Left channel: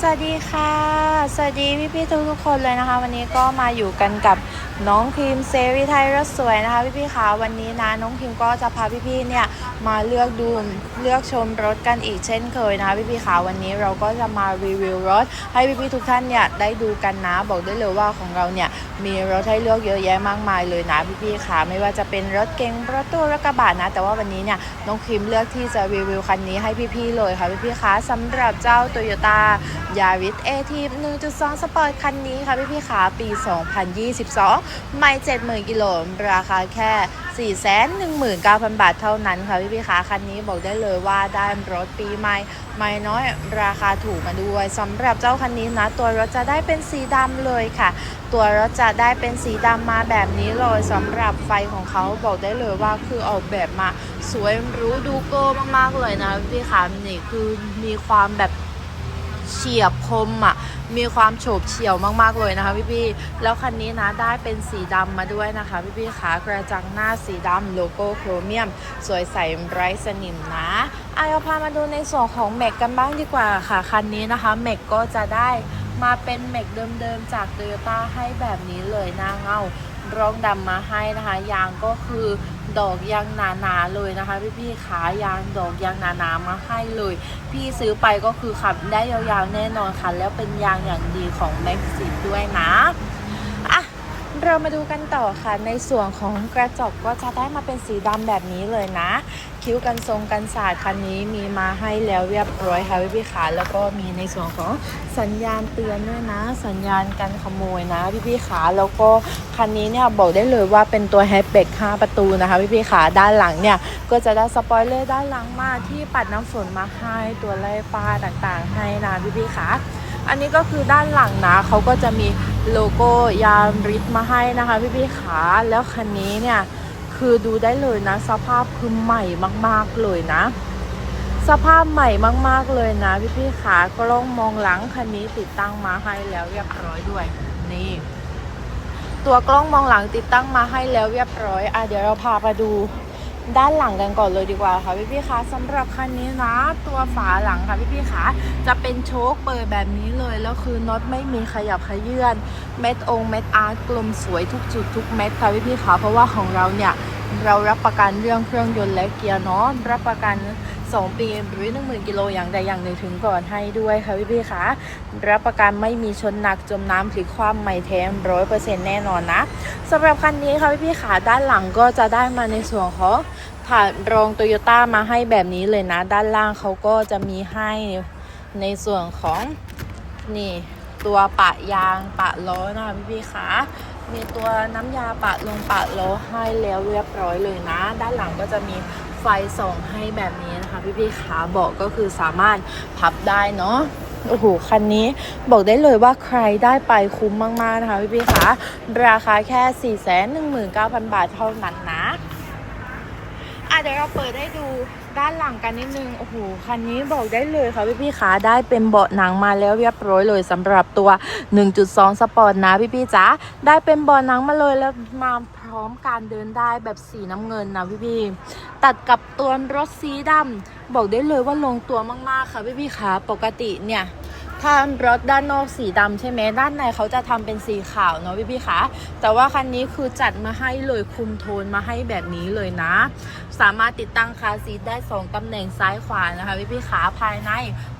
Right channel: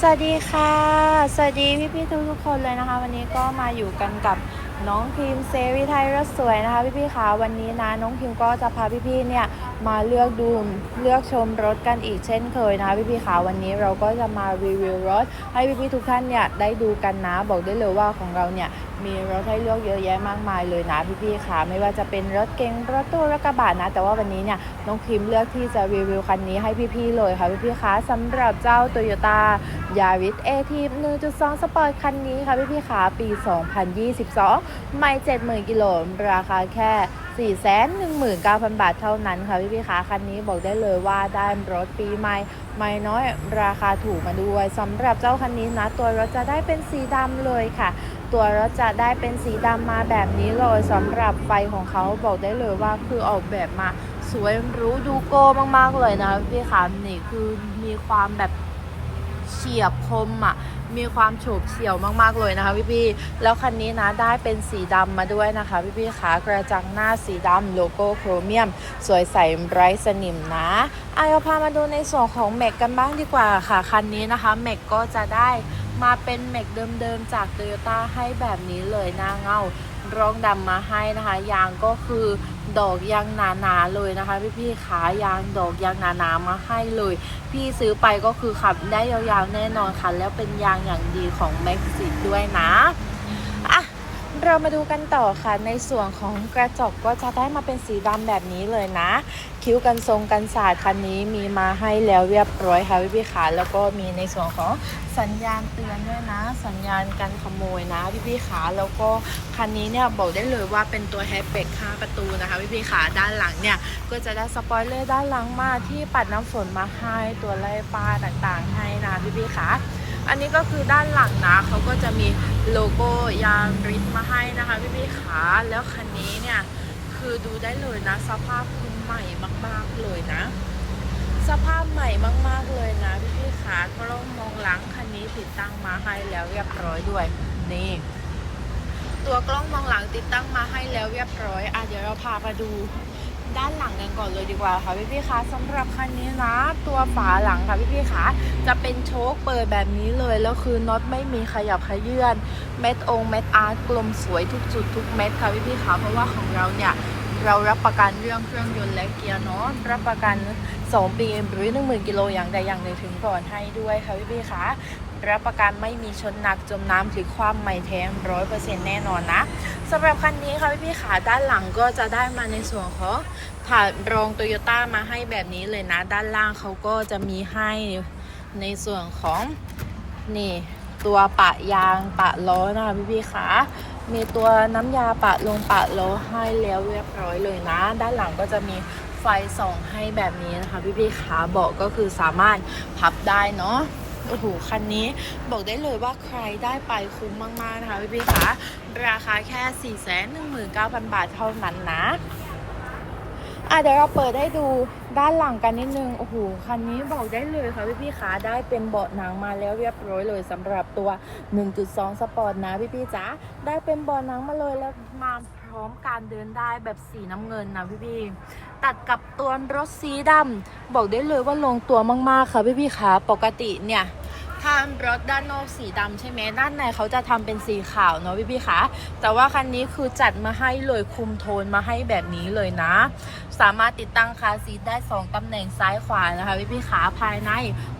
สวัสดีค่ะ สวัสดีพี่ๆทุกทุกๆคนเลยนะคะ วันนี้ก็มาอยู่กันกับน้องพิมเซรีไทยรสสวยนะคะ พี่ๆคะวันนี้นะน้องพิมก็จะพาพี่ๆเนี่ย มาเลือกดูเลือกชมรถกันอีกเช่นเคยนะคะพี่ๆคะวันนี้เราก็จะมารีวิวรถ ให้พี่ๆทุกท่านเนี่ยได้ดูกันนะ บอกได้เลยว่าของเราเนี่ยมีรถให้เลือกเยอะแยะมากมายเลยนะพี่ๆคะไม่ว่าจะเป็นรถเก๋งรถตู้รถกระบะนะ แต่ว่าวันนี้เนี่ยน้องพิมเลือกที่จะรีวิวคันนี้ให้พี่ๆเลยค่ะพี่ๆคะสำหรับเจ้า Toyota ยาริสเอที1.2สองสปอร์ตคันนี้ค่ะพี่พี่ขาปี 2022 ไม่70,000กิโลราคาแค่ 419,000 บาทเท่านั้นค่ะพี่พี่ขาคันนี้บอกได้เลยว่าได้รถปีใหม่ไม่น้อยราคาถูกมาด้วยสำหรับเจ้าคันนี้นะ ตัวรถจะได้เป็นสีดำเลยค่ะ ตัวรถจะได้เป็นสีดำมาแบบนี้เลยสำหรับไฟของเขาบอกได้เลยว่าคือออกแบบมาสวยรู้ดูโก้มากๆเลยนะพี่ขานี่คือมีความแบบ เฉียบคมอะมีความโฉบเฉี่ยวมากๆเลยนะคะพี่พี่ๆแล้วคันนี้นะได้เป็นสีดำมาด้วยนะคะพี่พี่ๆขากระจังหน้าสีดำโลโก้โครเมียม สวยใสไร้สนิมนะอะเอาพามาดูในส่วนของแม็กกันบ้างดีกว่าค่ะ คันนี้นะคะแม็กก็จะได้ มาเป็นเมกเดิมๆจากโตโยต้าให้แบบนี้เลยหน้าเงารองดำมาให้นะคะ ยางก็คือดอกยางหนาๆเลยนะคะ พี่ๆขายางดอกยางหนาๆมาให้เลย พี่ซื้อไปก็คือขับได้ยาวๆแน่นอนค่ะ แล้วเป็นยางอย่างดีของแม็กซิด้วยนะ เรามาดูกันต่อค่ะในส่วนของกระจกก็จะได้มาเป็นสีดำแบบนี้เลยนะ คิ้วกันทรงกันศาสตร์คันนี้มีมาให้แล้วเรียบร้อยค่ะพี่พี่ขาแล้วก็มีในส่วนของสัญญาณเตือนด้วยนะ สัญญาณการขโมยนะพี่พี่ขาแล้วก็คันนี้เนี่ยบอกได้เลยว่าเป็นตัวแฮชแบ็ก5ประตูนะคะพี่พี่ขาด้านหลังเนี่ยก็จะได้สปอยเลอร์ด้านหลังมาที่ปัดน้ำฝนมาให้ตัวไล่ฟ้าต่างๆ ให้นะพี่พี่ขา อันนี้ก็คือด้านหลังนะเขาก็จะมีโลโก้ยานริสมาให้นะคะพี่พี่ๆขาแล้วคันนี้เนี่ยคือดูได้เลยนะ สภาพคือใหม่มากๆเลยนะ สภาพใหม่มาก ๆเลยนะพี่พี่ๆขากล้องมองหลังคันนี้ติดตั้งมาให้แล้วเรียบร้อยด้วยนี่ตัวกล้องมองหลังติดตั้งมาให้แล้วเรียบร้อยอะเดี๋ยวเราพาไปดู ด้านหลังกันก่อนเลยดีกว่าค่ะพี่พี่คะสำหรับคันนี้นะ ตัวฝาหลังค่ะพี่พี่คะจะเป็นโชคเปิดแบบนี้เลย แล้วคือน็อตไม่มีขยับขยื่นเม็ดองเม็ดอาร์ตกลมสวยทุกจุดทุกเม็ดค่ะพี่พี่คะเพราะว่าของเราเนี่ยเรารับประกันเรื่องเครื่องยนต์และเกียร์เนาะรับประกัน 2ปีหรือ 10,000 กิโลอย่างใดอย่างหนึ่งถึงก่อนให้ด้วยค่ะพี่พี่ๆคะรับประกันไม่มีชนหนักจมน้ำหรือความใหม่แท้ร้อยเปอร์เซ็นต์แน่นอนนะสำหรับคันนี้ค่ะพี่พี่ๆขาด้านหลังก็จะได้มาในส่วนของถาดรองโตโยต้ามาให้แบบนี้เลยนะ ด้านล่างเขาก็จะมีให้ในส่วนของนี่ตัวปะยางปะล้อนะคะพี่พี่ๆคะมีตัวน้ำยาปะลงปะล้อให้แล้วเรียบร้อยเลยนะ ด้านหลังก็จะมี ฟส่องให้แบบนี้นะคะพี่พี่ๆขาเบาะก็คือสามารถพับได้เนาะโอ้โห คันนี้บอกได้เลยว่าใครได้ไปคุ้มมาก ๆ นะคะพี่พี่ๆคะราคาแค่ 419,000 บาทเท่านั้นนะอะเดี๋ยวเราเปิดให้ดูด้านหลังกันนิดนึง โอ้โห คันนี้บอกได้เลยค่ะพี่พี่ๆขาได้เป็นเบาะหนังมาแล้วเรียบร้อยเลยสำหรับตัว 1.2 สปอร์ตนะพี่พี่ๆจ๋าได้เป็นเบาะหนังมาเลยแล้วมา ร้อมการเดินได้แบบสีน้ำเงินนะพี่พี่ตัดกับตัวรถสีดำบอกได้เลยว่าลงตัวมากๆค่ะพี่พี่ๆขาปกติเนี่ยถ้ารถด้านนอกสีดำใช่ไหมด้านในเขาจะทำเป็นสีขาวเนาะพี่พี่คะแต่ว่าคันนี้คือจัดมาให้เลยคุมโทนมาให้แบบนี้เลยนะ สามารถติดตั้งคาซีทได้ 2ตำแหน่งซ้ายขวานะคะพี่พี่ขาภายใน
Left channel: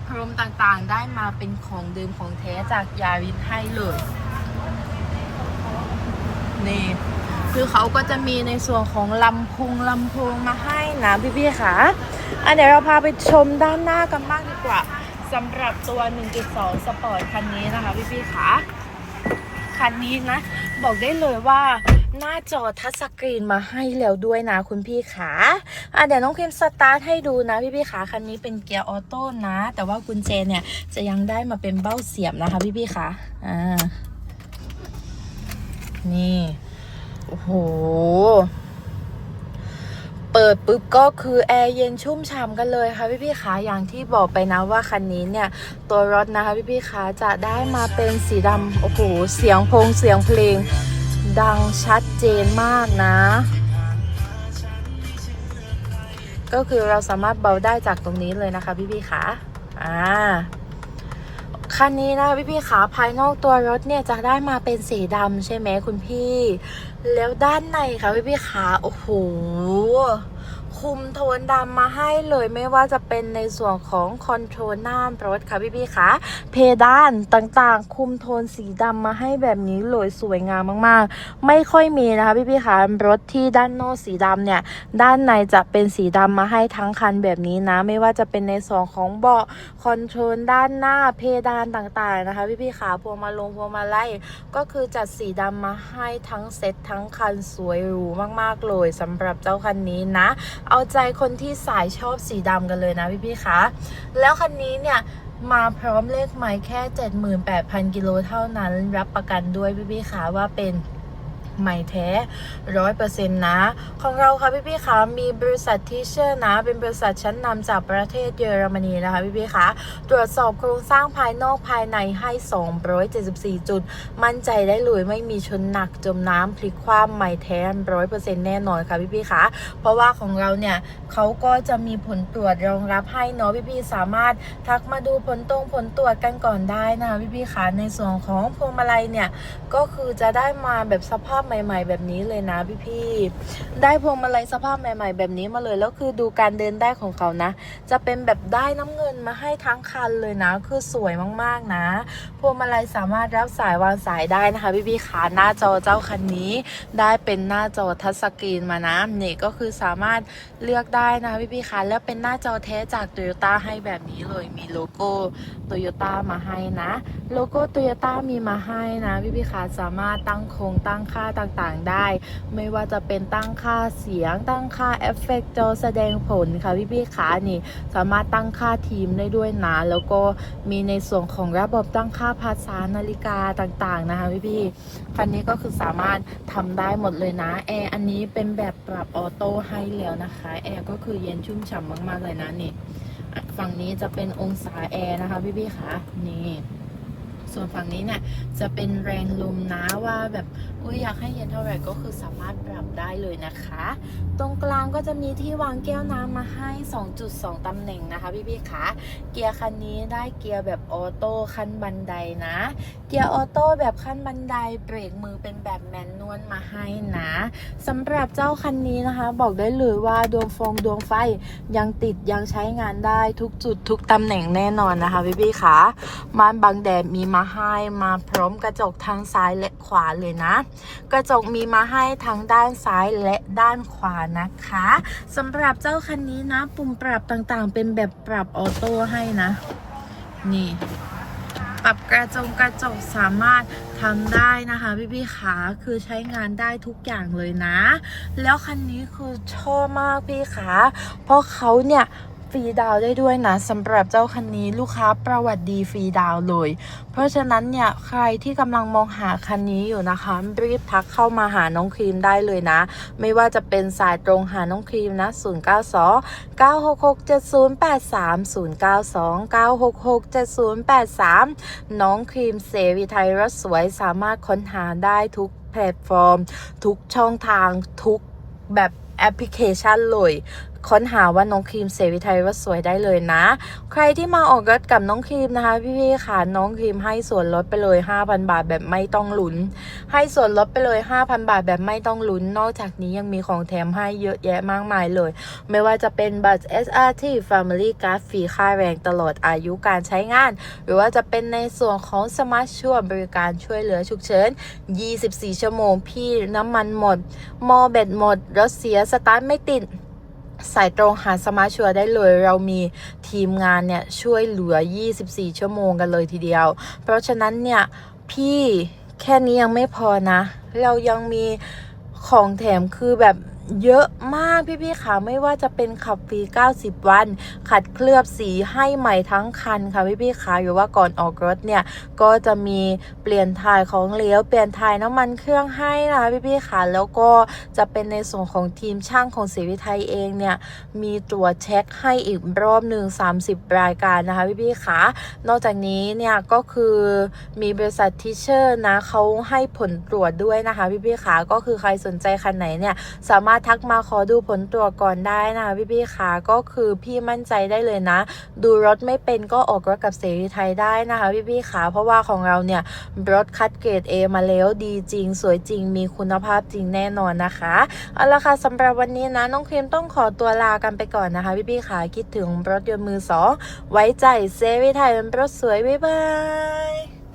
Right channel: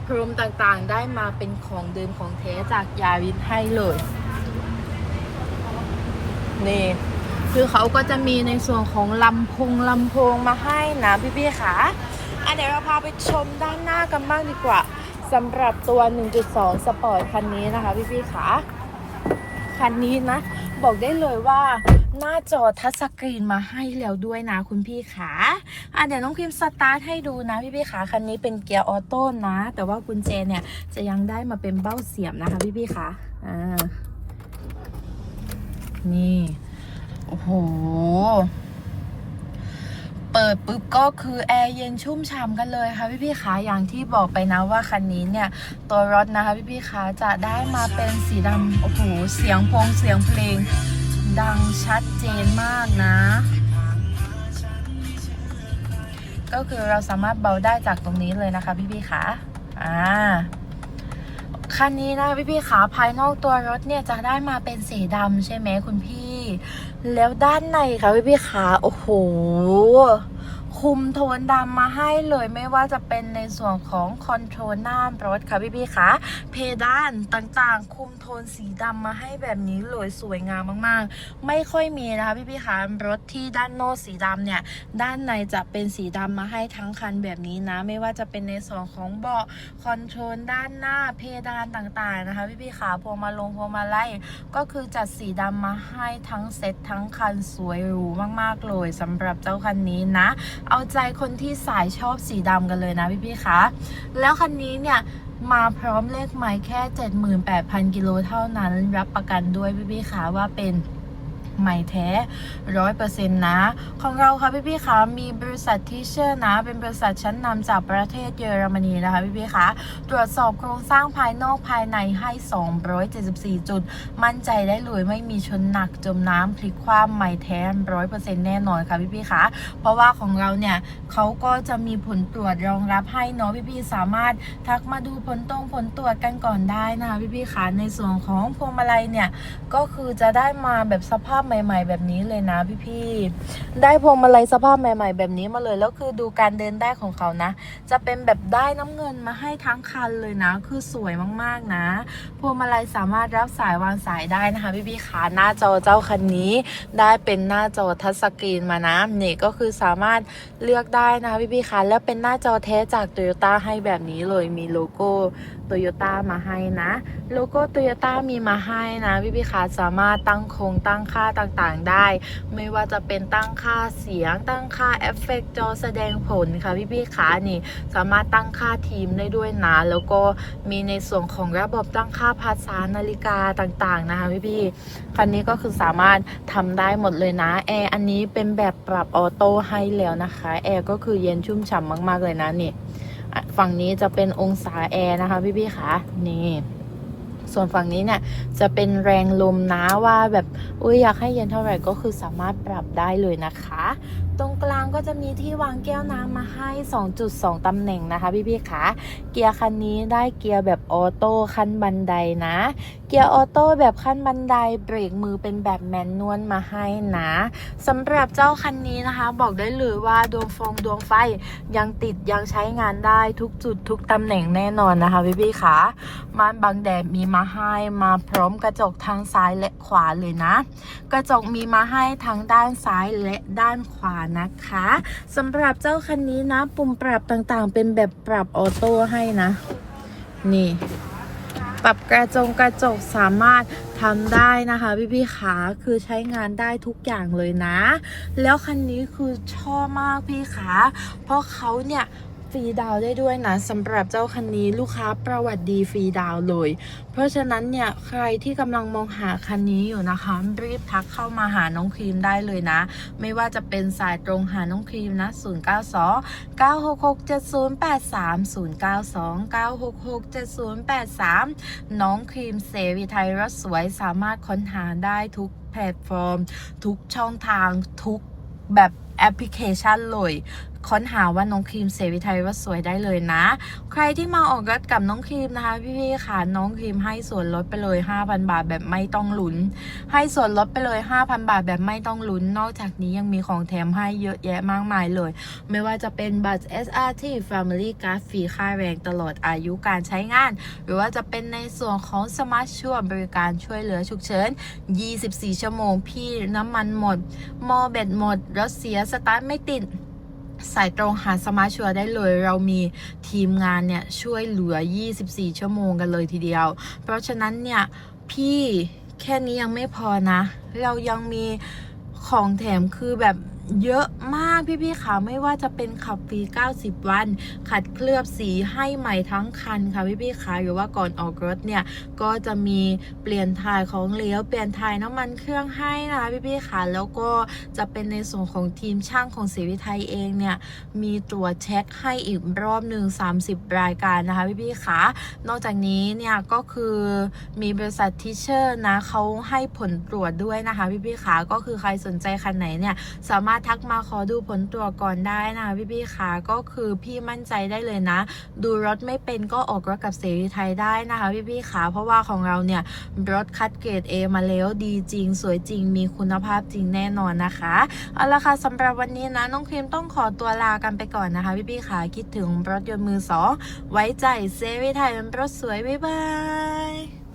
พรมต่างๆ ได้มาเป็นของเดิมของแท้จากยาริสให้เลย นี่ คือเขาก็จะมีในส่วนของลำโพงลำโพงมาให้นะพี่พี่ๆค่ะอะเดี๋ยวเราพาไปชมด้านหน้ากันบ้างดีกว่าสำหรับตัว 1.2 สปอร์ตคันนี้นะคะพี่พี่ๆค่ะคันนี้นะ บอกได้เลยว่าหน้าจอทัชสกรีนมาให้แล้วด้วยนะคุณพี่ขาอะเดี๋ยวน้องพิมสตาร์ทให้ดูนะพี่พี่ขาคันนี้เป็นเกียร์ออโต้นะ แต่ว่ากุญแจเนี่ยจะยังได้มาเป็นเบ้าเสียบนะคะพี่พี่ขาอ่า นี่ โอ้โห เปิดปุ๊บก็คือแอร์เย็นชุ่มฉ่ำกันเลยค่ะพี่พี่ๆขาอย่างที่บอกไปนะว่าคันนี้เนี่ย ตัวรถนะคะพี่พี่ๆขาจะได้มาเป็นสีดำโอ้โห เสียงพงเสียงเพลง ดังชัดเจนมากนะ ก็คือเราสามารถเบาได้จากตรงนี้เลยนะคะพี่พี่ๆขาอ่า คันนี้นะพี่พี่ขาภายนอกตัวรถเนี่ยจะได้มาเป็นสีดำใช่ไหมคุณพี่ แล้วด้านในค่ะพี่พี่ขาโอ้โห คุมโทนดำมาให้เลยไม่ว่าจะเป็นในส่วนของคอนโทรลหน้ารถค่ะพี่ๆคะเพดานต่างๆ คุมโทนสีดำมาให้แบบนี้เลยสวยงามมากๆ ไม่ค่อยมีนะคะพี่ๆคะรถที่ด้านนอกสีดำเนี่ย ด้านในจะเป็นสีดำมาให้ทั้งคันแบบนี้นะ ไม่ว่าจะเป็นในส่วนของเบาะคอนโทรลด้านหน้าเพดานต่างๆนะคะพี่ๆขาพวงมาลงพวงมาลัยก็คือจัดสีดำมาให้ทั้งเซ็ตทั้งคันสวยหรูมากๆเลยสำหรับเจ้าคันนี้นะเอาใจคนที่สายชอบสีดำกันเลยนะพี่พี่ๆคะ แล้วคันนี้เนี่ยมาพร้อมเลขไม้แค่ 78,000 กิโลเท่านั้น รับประกันด้วยพี่พี่ๆคะว่าเป็น ใหม่แท้ร้อยเปอร์เซ็นต์นะ ของเราค่ะพี่พี่คะมีบริษัทที่เชื่อนะ เป็นบริษัทชั้นนำจากประเทศเยอรมนีนะคะพี่พี่คะตรวจสอบโครงสร้างภายนอกภายในให้ 274 จุด มั่นใจได้เลยไม่มีชนหนักจมน้ำพลิกคว่ำใหม่แท้ร้อยเปอร์เซ็นต์แน่นอนค่ะพี่พี่คะเพราะว่าของเราเนี่ยเขาก็จะมีผลตรวจรองรับให้เนาะพี่พี่ๆสามารถทักมาดูผลตรงผลตรวจกันก่อนได้นะคะพี่พี่คะในส่วนของพวงมาลัยเนี่ยก็คือจะได้มาแบบสภาพใหม่ ๆ แบบนี้เลยนะพี่ๆได้พวงมาลัยสภาพใหม่ ๆ แบบนี้มาเลยแล้วคือดูการเดินได้ของเขานะ จะเป็นแบบได้น้ำเงินมาให้ทั้งคันเลยนะ คือสวยมากๆนะ พวงมาลัยสามารถรับสายวางสายได้นะคะพี่ๆขาหน้าจอเจ้าคันนี้ ได้เป็นหน้าจอทัชสกรีนมานะนี่ก็คือสามารถเลือกได้นะคะพี่ๆคะแล้วเป็นหน้าจอแท้จากโตโยต้าให้แบบนี้เลยมีโลโก้โตโยต้ามาให้นะ โลโก้โตโยต้ามีมาให้นะพี่พี่ๆคะสามารถตั้งโครงตั้งค่าต่างๆได้ ไม่ว่าจะเป็นตั้งค่าเสียง ตั้งค่าเอฟเฟกต์จอแสดงผลค่ะพี่พี่ๆคะนี่สามารถตั้งค่าทีมได้ด้วยนะ แล้วก็มีในส่วนของระบบตั้งค่าภาษานาฬิกาต่างๆนะคะพี่พี่ๆคันนี้ก็คือสามารถทำได้หมดเลยนะแอร์อันนี้เป็นแบบปรับออโต้ให้แล้วนะคะแอร์ก็คือเย็นชุ่มฉ่ำมาก ๆ เลยนะนี่ฝั่งนี้จะเป็นองศาแอร์นะคะพี่พี่ๆคะนี่ส่วนฝั่งนี้เนี่ยจะเป็นแรงลมนะว่าแบบ อุ้ยอยากให้เย็นเท่าไหร่ก็คือสามารถปรับได้เลยนะคะ ตรงกลาง ก็จะมีที่วางแก้วน้ำมาให้ 2.2 ตำแหน่งนะคะพี่พี่ๆคะเกียร์คันนี้ได้เกียร์แบบออโต้ขั้นบันไดนะ เกียร์ออโต้แบบขั้นบันไดเบรกมือเป็นแบบแมนนวลมาให้นะสำหรับเจ้าคันนี้นะคะ บอกได้เลยว่าดวงฟองดวงไฟยังติดยังใช้งานได้ทุกจุดทุกตำแหน่งแน่นอนนะคะพี่พี่ๆคะม่านบังแดดมีมาให้มาพร้อมกระจกทางซ้ายและขวาเลยนะ กระจกมีมาให้ทั้งด้านซ้ายและด้านขวานะคะสำหรับเจ้าคันนี้นะ ปุ่มปรับต่างๆ เป็นแบบปรับออโต้ให้นะ นี่ ปรับกระจงกระจกสามารถทำได้นะคะพี่พี่ขาคือใช้งานได้ทุกอย่างเลยนะ แล้วคันนี้คือชอบมากพี่ขาเพราะเขาเนี่ย รีดาวได้ด้วยนะสำหรับเจ้าคันนี้ลูกค้าประวัติดีฟรีดาวเลย เพราะฉะนั้นเนี่ยใครที่กำลังมองหาคันนี้อยู่นะคะ รีบทักเข้ามาหาน้องครีมได้เลยนะ ไม่ว่าจะเป็นสายตรงหาน้องครีมนะ 092 966 7083 092 966 7083 น้องครีมเสรีไทยรถสวยสามารถค้นหาได้ทุกแพลตฟอร์ม ทุกช่องทางทุกแบบแอปพลิเคชันเลย ค้นหาว่าน้องครีมเสรีไทยว่าสวยได้เลยนะ ใครที่มาออกรถกับน้องครีมนะคะ พี่ๆค่ะน้องครีมให้ส่วนลดไปเลย 5,000 บาทแบบไม่ต้องลุ้น ให้ส่วนลดไปเลย 5,000 บาทแบบไม่ต้องลุ้น นอกจากนี้ยังมีของแถมให้เยอะแยะมากมายเลย ไม่ว่าจะเป็นบัตร SRT Family Card ฟรีค่าแรงตลอดอายุการใช้งาน หรือว่าจะเป็นในส่วนของสมาร์ทช่วยบริการช่วยเหลือฉุกเฉิน 24 ชั่วโมงพี่น้ำมันหมด มอเบ็ดหมดรถเสียสตาร์ทไม่ติด สายตรงหาสมาชัวได้เลย เรามีทีมงานเนี่ย ช่วยเหลือ 24 ชั่วโมงกันเลยทีเดียว เพราะฉะนั้นเนี่ย พี่แค่นี้ยังไม่พอนะ เรายังมีของแถมคือแบบ เยอะมากพี่ๆค่ะไม่ว่าจะเป็นขับฟรี 90 วัน ขัดเคลือบสีให้ใหม่ทั้งคันค่ะพี่ๆค่ะหรือว่าก่อนออกรถเนี่ย ก็จะมีเปลี่ยนถ่ายของเหลวเปลี่ยนถ่ายน้ำมันเครื่องให้นะคะพี่ๆค่ะแล้วก็จะเป็นในส่วนของทีมช่างของศรีวิไทยเองเนี่ย มีตรวจเช็คให้อีกรอบหนึ่ง30 รายการนะคะพี่ๆค่ะนอกจากนี้เนี่ยก็คือมีบริษัททิเชอร์นะเขาให้ผลตรวจด้วยนะคะพี่ๆค่ะก็คือใครสนใจคันไหนเนี่ยสามารถารถทักมาขอดูผลตรวจก่อนได้นะพี่ๆค่ะก็คือพี่มั่นใจได้เลยนะ ดูรถไม่เป็นก็ออกรถกับเสรีไทยได้นะคะพี่ๆค่ะเพราะว่าของเราเนี่ยรถคัดเกรด A มาแล้วดีจริง สวยจริง มีคุณภาพจริงแน่นอนนะคะเอาละค่ะสำหรับวันนี้นะน้องครีมต้องขอตัวลากันไปก่อนนะคะพี่ๆค่ะคิดถึงรถยนต์มือสองไว้ใจเซรีไทยเป็นรถสวยบ๊ายบาย